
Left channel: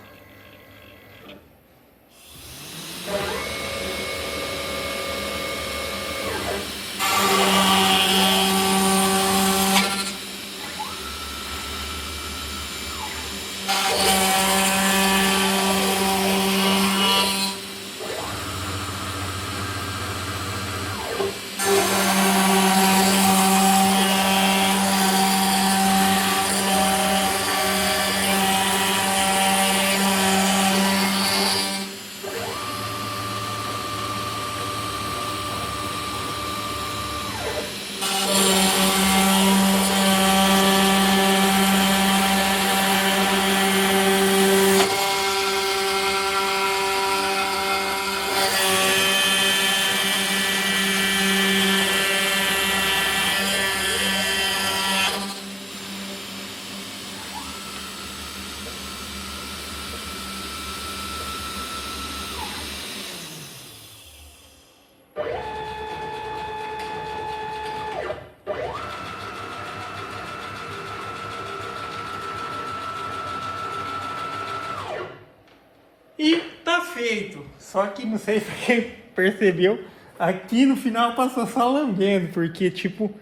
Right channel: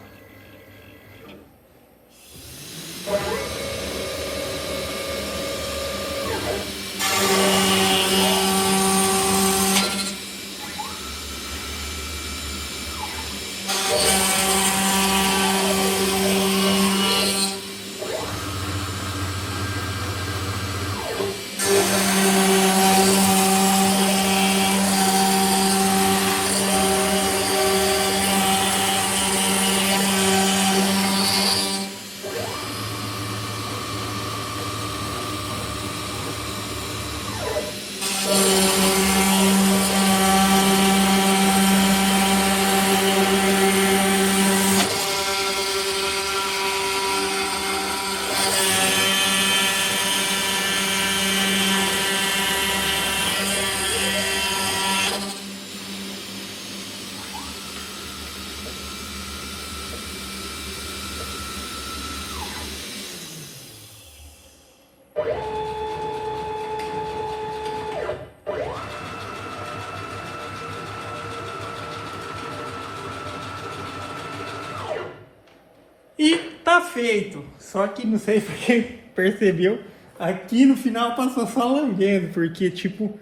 jeito. Só que não sei se você percebeu, aqui no final passou só lambendo, porque tipo,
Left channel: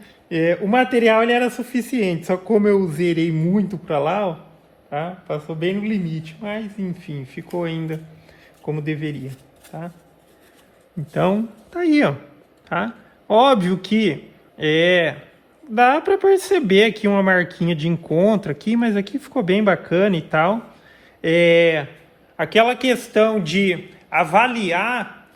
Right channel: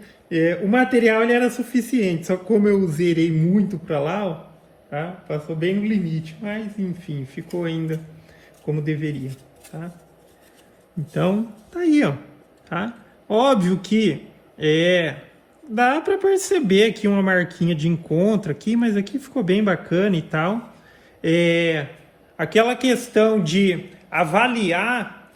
o material ele era suficiente, só que como eu zerei muito pra lá, ó, tá? Passou bem no limite, mas enfim, ficou ainda como deveria, tá? Então, tá aí, ó, tá? Óbvio que dá para perceber aqui uma marquinha de encontro aqui, mas aqui ficou bem bacana e tal. Aquela questão de avaliar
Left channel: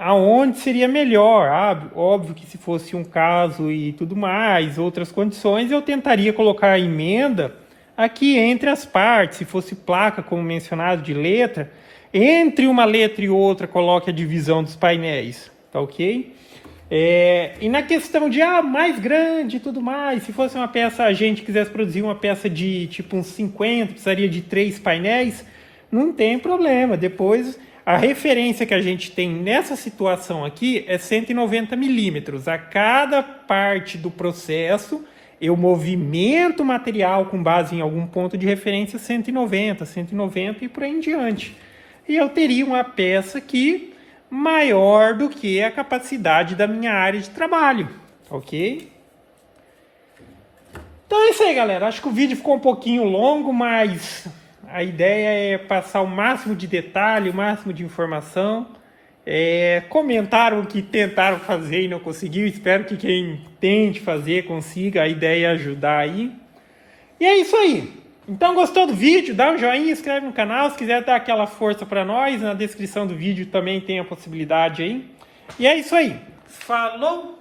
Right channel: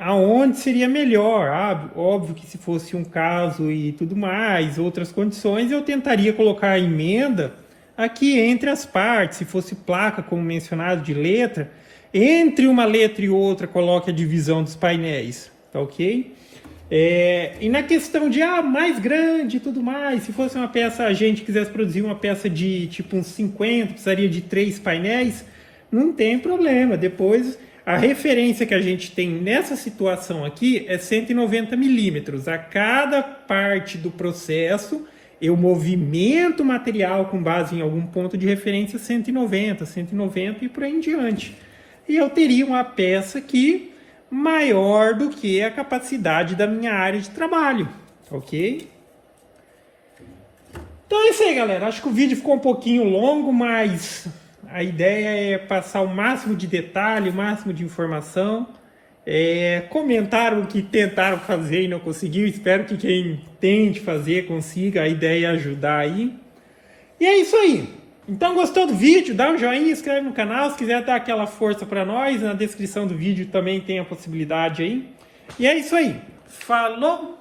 aonde seria melhor. Óbvio que se fosse um caso e tudo mais, outras condições, eu tentaria colocar a emenda aqui entre as partes. Se fosse placa, como mencionado, de letra, entre uma letra e outra, coloque a divisão dos painéis, tá ok? E na questão de mais grande e tudo mais, se fosse uma peça, a gente quisesse produzir uma peça de tipo uns 50, precisaria de 3 painéis, não tem problema. Depois, a referência que a gente tem nessa situação aqui é 190 milímetros. A cada parte do processo, eu movimento o material com base em algum ponto de referência 190 e por aí em diante. E eu teria uma peça aqui maior do que a capacidade da minha área de trabalho, ok? Então é isso aí, galera. Acho que o vídeo ficou um pouquinho longo, mas a ideia é passar o máximo de detalhe, o máximo de informação. Comentaram que tentaram fazer e não conseguiu. Espero que quem tente fazer consiga. A ideia é ajudar aí. E é isso aí. Então, gostou do vídeo? Dá um joinha, inscreve no canal. Se quiser dar aquela força para nós, na descrição do vídeo também tem a possibilidade aí. E é isso aí. Falou!